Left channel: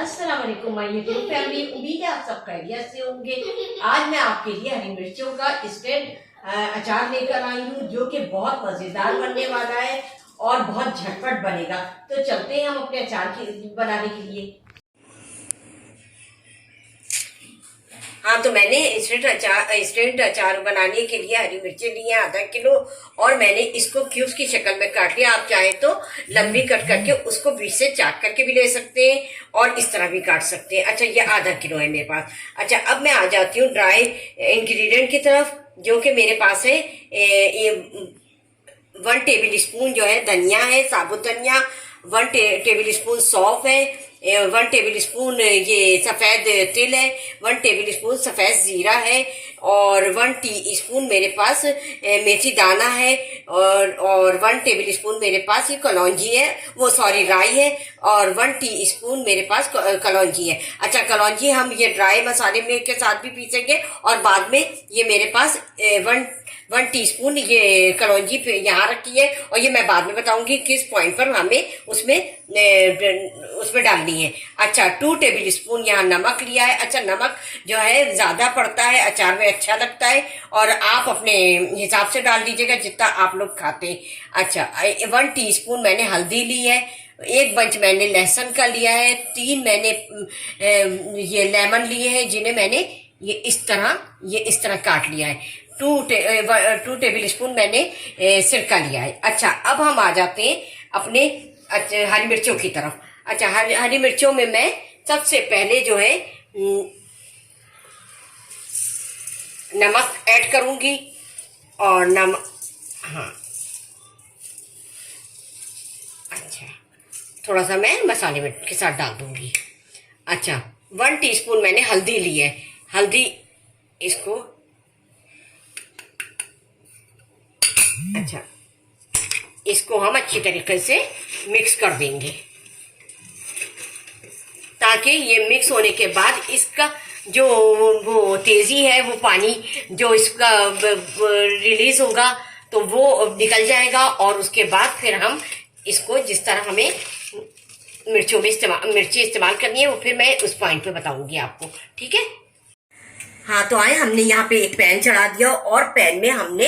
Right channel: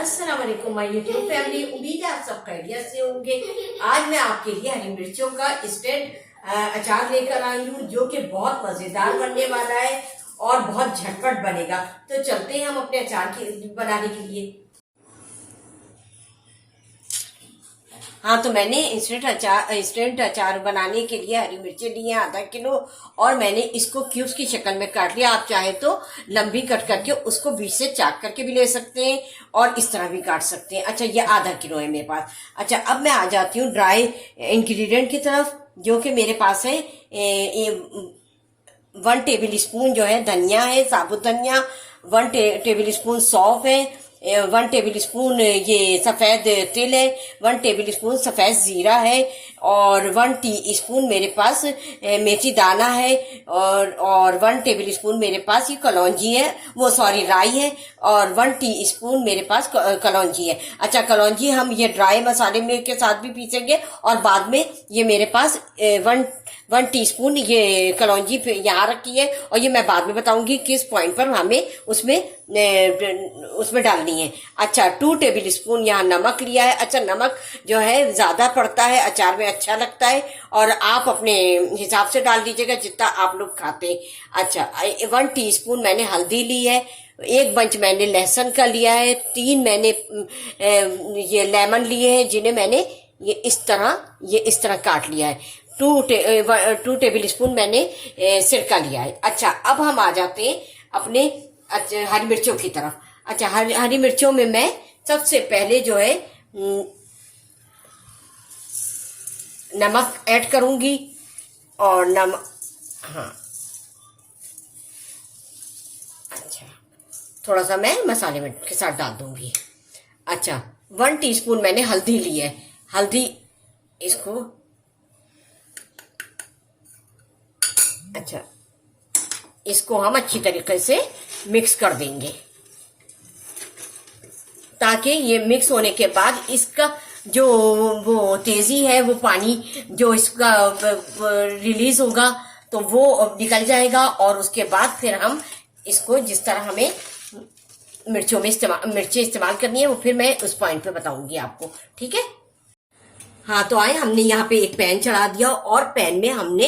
अस्सलाम वालेकुम my YouTube family. उम्मीद है आप सब खैरियत से होंगे। आज मैं आपके लिए हरी मिर्चों का इंस्टेंट अचार लेकर आई हूँ, जो कि बहुत मजेदार बनने वाला है और बहुत झटपट बनेगा। तो चलते हैं हम अपने अचार की बनाने के लिए। हाँ, तो मैंने इंस्टेंट अचार बनाने के लिए हरी मिर्चें ली हैं आधा किलो, और मैंने इसको क्यूब्स की शक्ल में काट लिया। आप चाहे तो लंबी कट करके उसको बीच से चाक करके भी ले सकते हैं और इस तरह भी काट सकते हैं। अच्छा, ये आधा किलो है मेरे पास। अच्छा, अब मैं आ जाती हूँ ड्राई इंग्रेडिएंट की तरफ, जो कि मेरे पास है। ये 1 टेबल स्पून जो है धनिया है, साबुत धनिया। 1 टेबल स्पून सौंफ है। 1 टेबल स्पून ये सफेद तिल है। 1 टेबल स्पून सफेद जीरा है, और 1 टीस्पून मेरे पास मेथी दाना है, और 1 टेबल स्पून मेरे पास ये कलौंजी है, वो सॉरी राई है, और 1 टीस्पून मेरे पास कलौंजी है। अच्छा, कलौंजी हम ये ड्राई मसाले में के साथ भी पीसेंगे, और बाद में ये मेरे पास 1 टीस्पून ये कलौंजी यहाँ रखी है, और ये मैं बाद में बताऊंगी किस पॉइंट पर हमें उसमें डालनी है। अच्छा, 2 टेबल स्पून यहाँ नमक लिया है। अच्छा, नमक जो है ज्यादा पड़ता है अचार में, अच्छा लगता है, और आप अपने हिसाब से डाल दीजिएगा जितना आप लोग खाते हैं। अच्छा, 1 टीस्पून मैंने हल्दी ली है। 1 बंच मैंने लहसुन का लिया है। 3 मैंने ये लेमन लिए हैं, जिन्हें मैंने ये इस तरह काट लिया है। 2 टेबल स्पून मैंने सिरका लिया है। अच्छा, अब हम आ जाते हैं अपने हरी मिर्चों की तरफ। अच्छा, हरी मिर्चों में मैं सबसे पहले जो है नमक ऐड करूंगी, और नमक, हाँ, अच्छा, थोड़ा सा मैं मसाले में के साथ डाल दूंगी। अच्छा, 1 टीस्पून मैंने हल्दी ली है। हल्दी, इसको, अच्छा, इसको हम अच्छी तरीके से मिक्स कर देंगे, ताकि ये मिक्स होने के बाद इसका जो वो तेजी है, वो पानी जो इसका रिलीज होगा तो वो निकल जाएगा, और उसके बाद फिर हम इसको जिस तरह हमें मिर्ची इस्तेमाल करनी है वो फिर मैं उस पॉइंट पे बताऊंगी आपको, ठीक है। हाँ, तो आए, हमने यहाँ पे एक पैन चढ़ा दिया, और पैन में हमने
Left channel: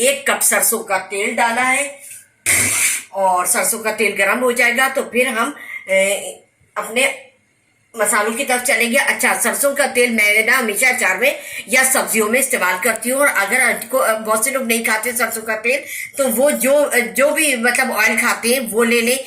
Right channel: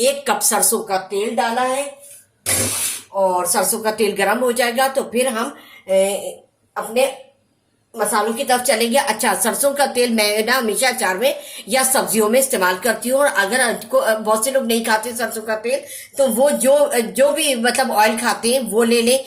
1 कप सरसों का तेल डाला है, और सरसों का तेल गर्म हो जाएगा तो फिर हम अपने मसालों की तरफ चलेंगे। अच्छा, सरसों का तेल मैं ना हमेशा अचार में या सब्जियों में इस्तेमाल करती हूँ, और अगर बहुत से लोग नहीं खाते सरसों का तेल, तो वो जो भी मतलब ऑयल खाते हैं वो ले लें,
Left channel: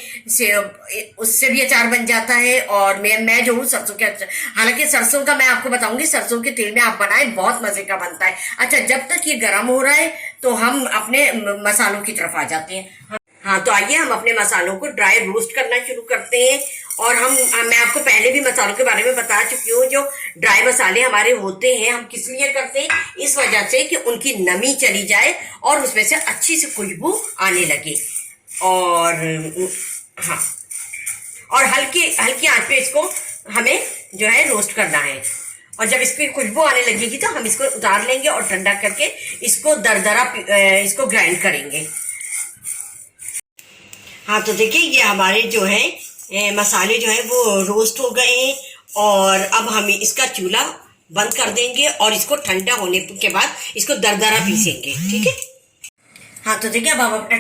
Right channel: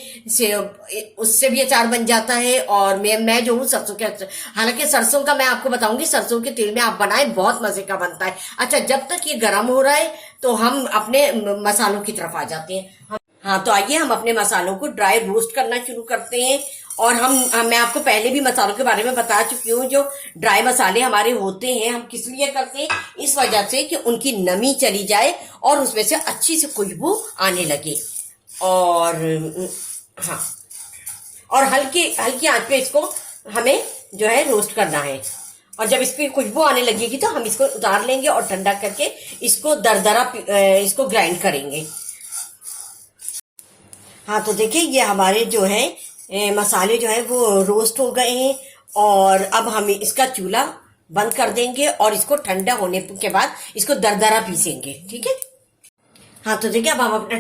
उससे भी अचार बन जाता है। और मैं जो हूँ सरसों के अचार, हालांकि सरसों का मैं आपको बताऊंगी, सरसों के तेल में आप बनाएं, बहुत मजे का बनता है। अच्छा, जब तक ये गर्म हो रहा है तो हम अपने मसालों की तरफ आ जाते हैं। हाँ, तो आइए हम अपने मसालों को ड्राई रोस्ट करना शुरू करते हैं। और मैं आपको पहले भी मसालों के बारे में बता चुकी हूँ। जो ड्राई मसाले हमारे होते हैं, हम किस लिए करते हैं, इस वजह से कि उनकी नमी चली जाए और उसमें से अच्छी से खुशबू आने लगे। और हाँ, और हल्की आंच पे इसको हमें जो है रोस्ट करना है, और जब इसकी खुशबू आने लगेगी तो हम इसको उतार लेंगे और ठंडा करके इसको इसको ग्राइंड करेंगे। हाँ, तो देखिए, ये हमारे जो है मसाले जो है वो रोस्ट हो गए हैं, और अब हम इसका चूल्हा बंद कर देंगे और इसको ठंडा होने के बाद इसको दरदरा पीसेंगे, ठीक है। हाँ, तो देखिए, अब हम अपने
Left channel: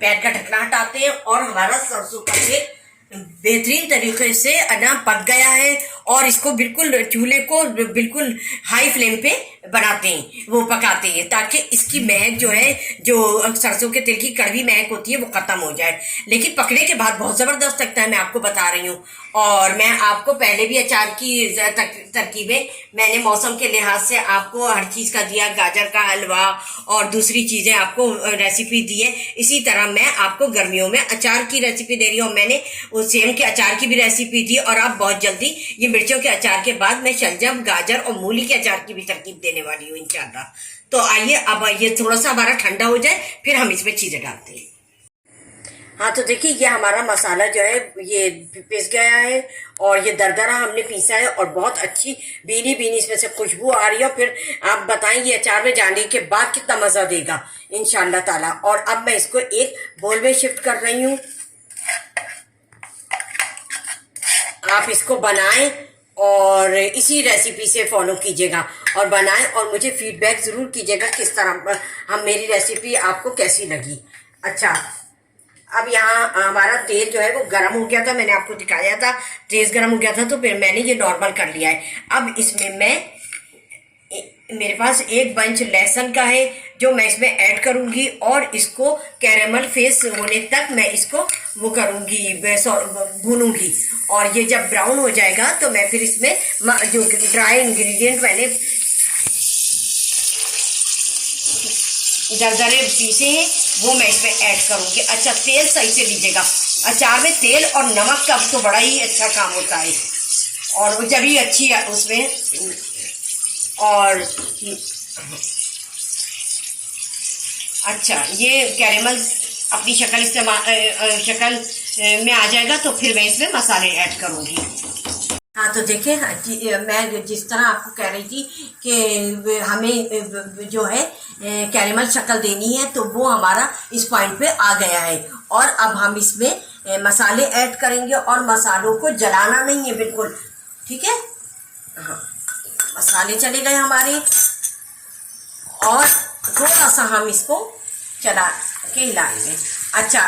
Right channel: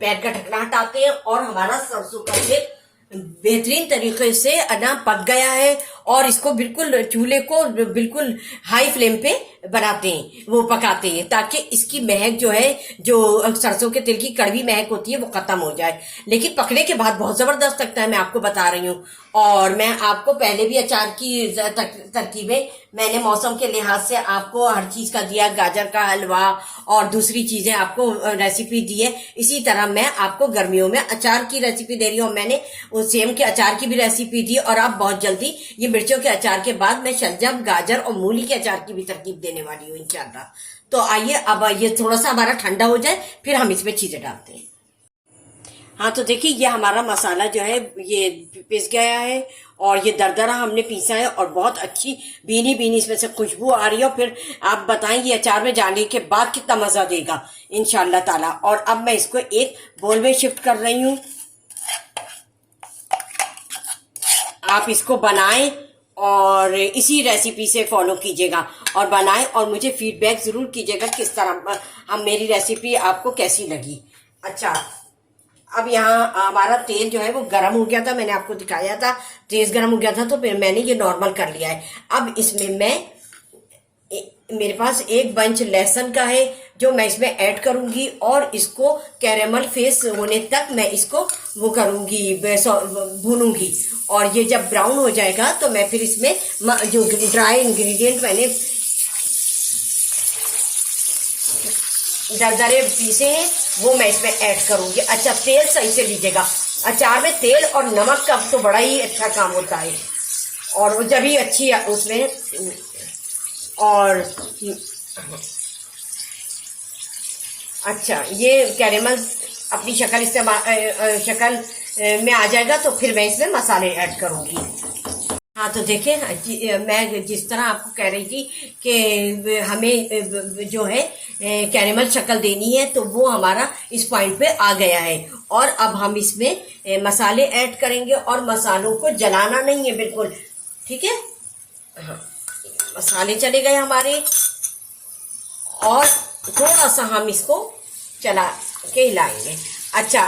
पैन का ढक्कना हटाते हैं, और हमारा सरसों का तेल बेहतरीन तरीके से ना पक गया है, और इसको बिल्कुल चूल्हे को बिल्कुल हाई फ्लेम पे बनाते हैं, वो पकाते हैं, ताकि इसकी महक जो है, जो सरसों के तेल की कड़वी महक होती है, वो खत्म हो जाए। लेकिन पकने के बाद बहुत जबरदस्त लगता है, मैं आपको बता रही हूँ। और मैं आपको पहले भी अचार की तरकीबें मैंने मौसम के लिहाज से आपको हर चीज का दिया, गाजर का हलवा और दूसरी चीजें आपको रेसिपी दी है। इसी तरह मैं आपको गर्मियों में अचार की रेसिपी दे रही हूँ। मैंने सेम के अचार की भी रेसिपी दी, और अब बहुत जल्दी ये मिर्चों के अचार के बाद मैं शलजम, गाजर और मूली के अचार की भी तरकीब देने वाली हूँ इंशाल्लाह। तो आइए, अब ये थोड़ा सा हमारा ठंडा हो जाए, फिर हम इसमें चीजें डालते हैं। हाँ, तो देखिए, ये हमारा मसाला जो है ये पिस गया है, और ये दरदरा हमने पीसा है, और बहुत अच्छी भीनी भीनी इसमें से खुशबू आ रही है। फिर आप बताएं ये अचार में जाने के बाद कितना मजा देगा इंशाल्लाह ताला। और अब मैं इसको एक बोल में शिफ्ट कर रही हूँ। आप इसको बनाएं और इसी रेसिपी से फॉलो कीजिएगा और बनाएं और मुझे फीडबैक ज़रूर कीजिएगा किस तरह हम मेरी रेसिपी आपको कैसी लगी। अच्छा, अब यहाँ हमारा तेल जो है वो गर्म हो गया था, मैंने आपको दिखाया था तेज गर्म हो गया था, तो फिर मैंने ये नॉर्मल कर लिया है। अब इसमें मेरे पास एक बंच लहसुन का है जो मैं इसमें ऐड करूंगी और इसको कैरेमल फेस होने तक मैं इसको वो करूंगी, भूनूंगी। और ये जब ब्राउन हो जाएगा तो मैं फिर इसमें जो ड्राई इंग्रेडिएंट मैंने दरदरे पीसे हैं वो मैं इसमें ऐड करूंगी। अच्छा, तेल सही से लीजिएगा, अचार में तेल और नमक का तो बड़ा ही अच्छा काम होता है और जब ही अच्छी उसमें। और अच्छा, ये कैरेमल अपनी शक्ल में आ जाएगा तो फिर मैं इसमें मसाले ऐड करूंगी। हाँ, तो देखिए मैं जिस तरह आपको कह रही थी कि हमें जो है कैरेमल शक्ल देनी है, तो वो हमारा इस पॉइंट पे आ गया है। और अब हम इसमें मसाले ऐड करेंगे और मसालों को जलाना नहीं है बिल्कुल, ठीक है। हाँ, मसाले चले गए हमारे और थोड़ा सा हम इसको चला के हिलाएंगे। अच्छा,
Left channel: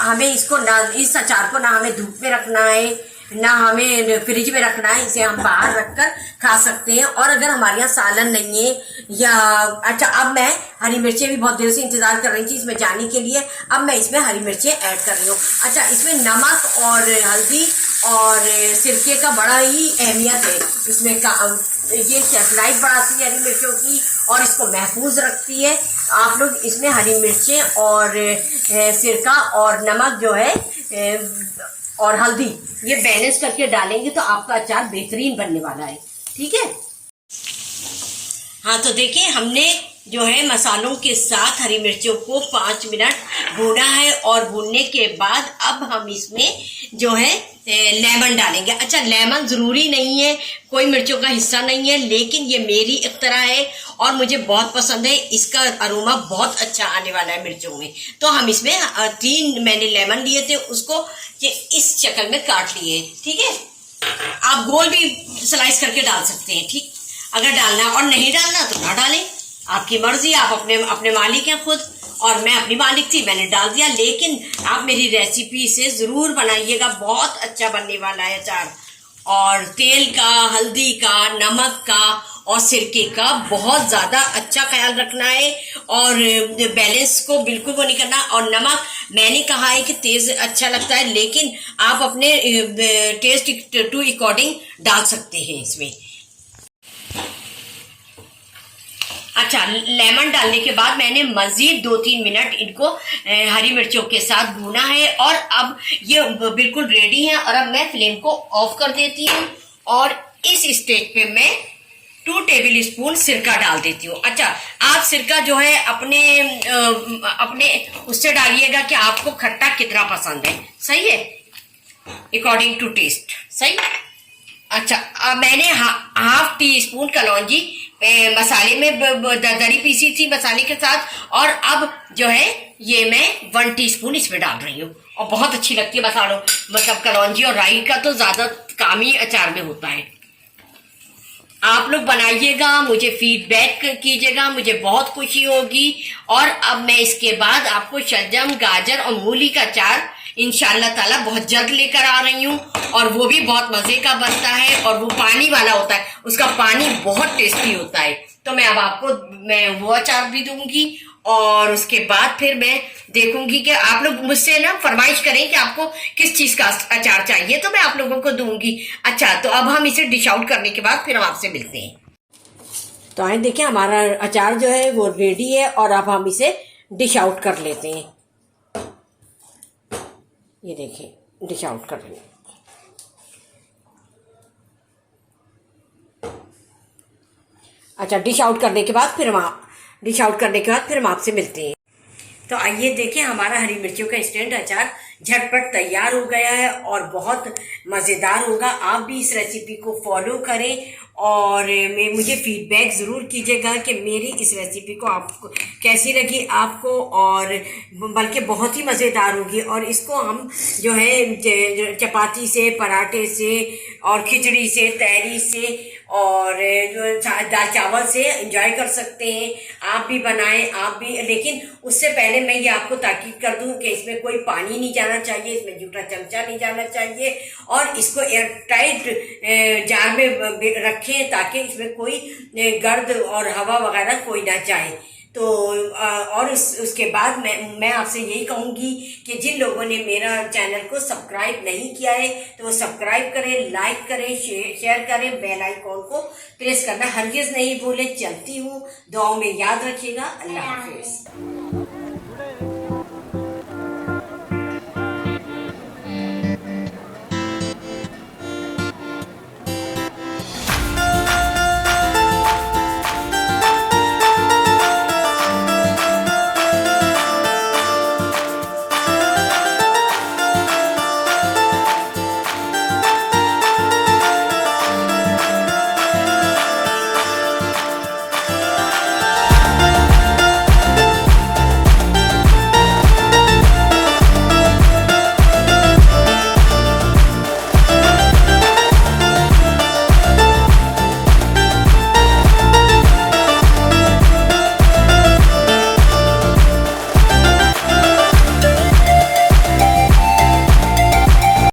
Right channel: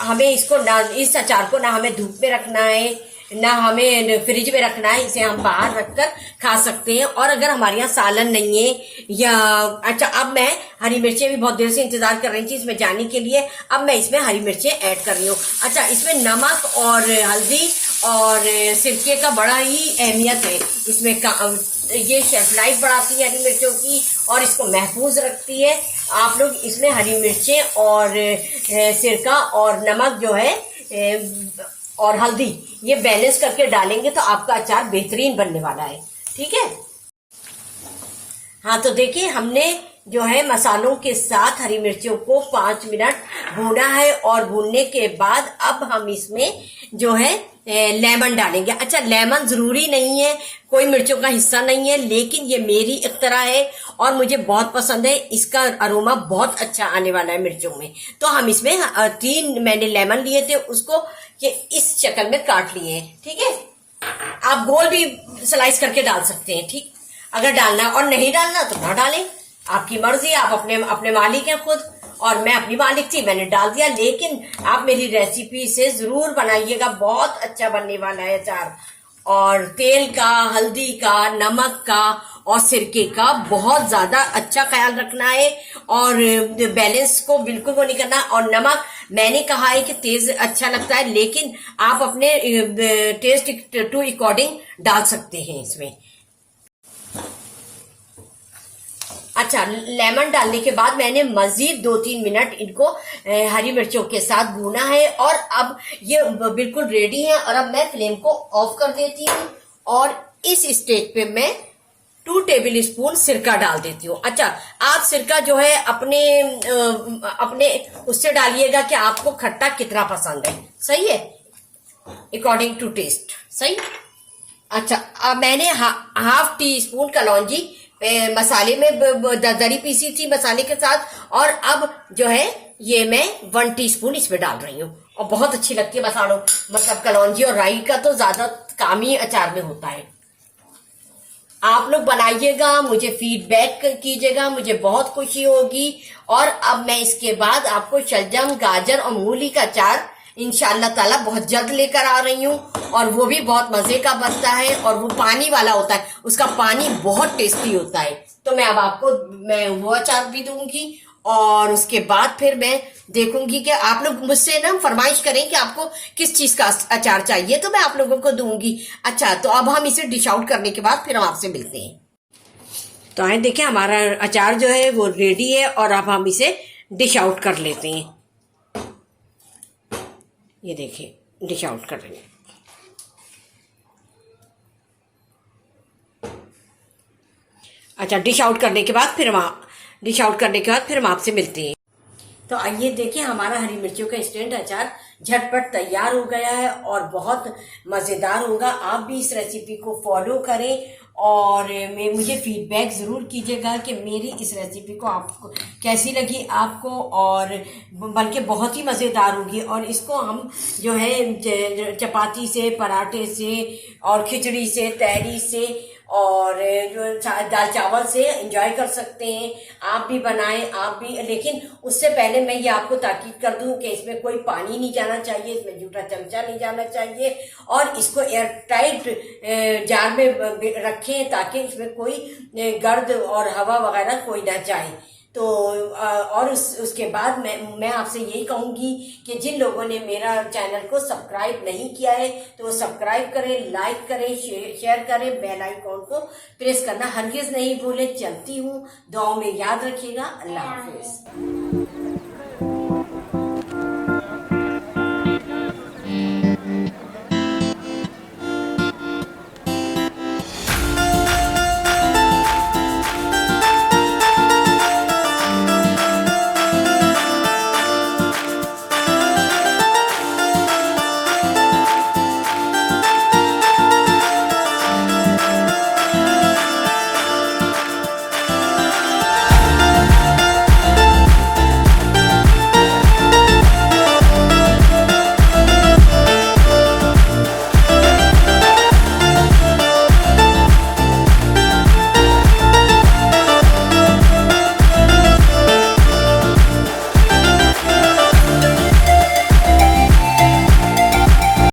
हमें इसको ना, इस अचार को ना हमें धूप में रखना है ना हमें फ्रिज में रखना है, इसे हम बाहर रखकर खा सकते हैं। और अगर हमारे यहाँ सालन नहीं है या अच्छा, अब मैं हरी मिर्चें भी बहुत देर से इंतजार कर रही थी इसमें जाने के लिए, अब मैं इसमें हरी मिर्चें ऐड कर रही हूँ। अच्छा, इसमें नमक और हल्दी और सिरके का बड़ा ही अहमियत है इसमें ये शेल्फ लाइफ बढ़ाती है हरी मिर्चों की और इसको महफूज रखती है। आप लोग इसमें हरी मिर्चें और सिरका और नमक जो है और हल्दी ये बैलेंस करके डालेंगे तो आपका अचार बेहतरीन बनने वाला है, ठीक है। हाँ, तो देखिए हमने जो है मसालों के साथ हरी मिर्चों को 5 मिनट भूना है और भूनने के बाद अब हम इसमें जो है लेमन डालेंगे। अच्छा, लेमन ज़रूरी नहीं है, कोई मिर्चों का हिस्सा नहीं है, लेकिन ये मेरी इख्तरा है और मुझे बहुत पसंद है, इसका अरोमा बहुत अच्छा आने वाला है मिर्चों में। तो हम इसमें 3 मैंने लेमन लिए थे, उसको ये इस शक्ल में काट लिए, ठीक है। आप गोल भी स्लाइस करके डाल सकते हैं, ठीक। अगर डालना और नहीं डालना तो ना डालें, आपकी मर्जी, आप अपने मालिक हैं खुद और मैं अपनी मालिक थी, मैंने डाल दिया। लेकिन आप मेरी रेसिपी से ज़रूर बनाइएगा, बहुत अच्छा बनने वाला है अचार। और तेल का, हल्दी का, नमक का और सिरके का बहुत ज़्यादा अच्छा ख्याल रखना है और बैलेंस को बिल्कुल वो नहीं करना। और नमक मैंने कहा है कि तेज़ अच्छा लगता है, लेकिन आप अपने टेस्ट टू अकॉर्डिंग डाल सकते हैं इसमें। अच्छा, लेमन डालने के बाद मैंने मजीद 2-3 मिनट इनको हरी मिर्चों के साथ भूना है और अब ये बिल्कुल रेडी है। और अब मैं फ्लेम को ऑफ कर देती हूँ और इस स्टेज पे मैं 2 टेबल स्पून सिरका डाल देती हूँ। अच्छा, आप सिरका जो है अपने उससे डालिएगा कि आपको खट्टा कितना पसंद है, सही है, अकॉर्डिंग टू टेस्ट, सही। अच्छा, अब मैंने हाफ टी स्पून कलौंजी मसाले में दरदरी पीसी थी मसाले के साथ और अब जो है ये मैं 1 टीस्पून इसमें डाल रही हूँ और बहुत अच्छी लगती है मसालों, मतलब कलौंजी और राई का तो ज्यादा काम ही अचार में होता है। आप लोग बनाइएगा, मुझे फीडबैक कीजिएगा, मुझे बहुत खुशी होगी। और अब मैं इसके बाद आपको शलजम, गाजर और मूली का अचार इंशाअल्लाह ताला बहुत जल्द लेकर आ रही हूँ और वो भी बहुत मजे का बनता है और वो पानी वाला होता है, उसका पानी बहुत टेस्टी होता है। तो मैं अब आपको वो अचार भी दूंगी और उसके बाद फिर मैं देखूंगी कि आप लोग मुझसे ना फरमाइश करें कि आपको किस चीज का अचार चाहिए, तो मैं आप लोगों को दूंगी। अच्छा, तो अब हम इसे डिश आउट करने के बाद फिर हम आपसे मिलते हैं। तो आए देखिए हमारा अचार जो है वो रेडी है और अब हम इसे डिश आउट कर लेते हैं। ये देखिए डिश आउट कर रही हैं। अच्छा, डिश आउट करने के बाद फिर हम आपसे मिलते हैं। तो आइए देखें, हमारा हरी मिर्चियों का इंस्टेंट अचार झटपट तैयार हो गया है और बहुत मज़ेदार होगा। आप भी इस रेसिपी को फॉलो करें और मुझे फीडबैक ज़रूर कीजिएगा कि मेरी इस रेसिपी को आपको कैसी लगी आपको, और बल्कि बहुत ही मज़ेदार होगी। और इसको हम जो है चपाती से, पराठे से और खिचड़ी से, तहरी से और जो दाल चावल से एंजॉय कर सकते हैं। आप भी बनाएं, आप भी। लेकिन उससे पहले मैं ये आपको ताकीद कर दूं कि इसमें कोई पानी नहीं जाना चाहिए, इसमें जूठा चमचा नहीं जाना चाहिए, और इसको एयर टाइट जार में रखें ताकि इसमें कोई गर्द और हवा वगैरह कोई ना जाए। तो और उसके बाद मैं आपसे यही कहूँगी कि जिन लोगों ने मेरा चैनल को सब्सक्राइब नहीं किया है तो वो सब्सक्राइब करें, लाइक करें, शेयर करें, बेल आइकॉन को प्रेस करना हरगिज़ नहीं भूलें। चलती हूँ, दुआओं में याद रखिएगा। अल्लाह हाफिज़।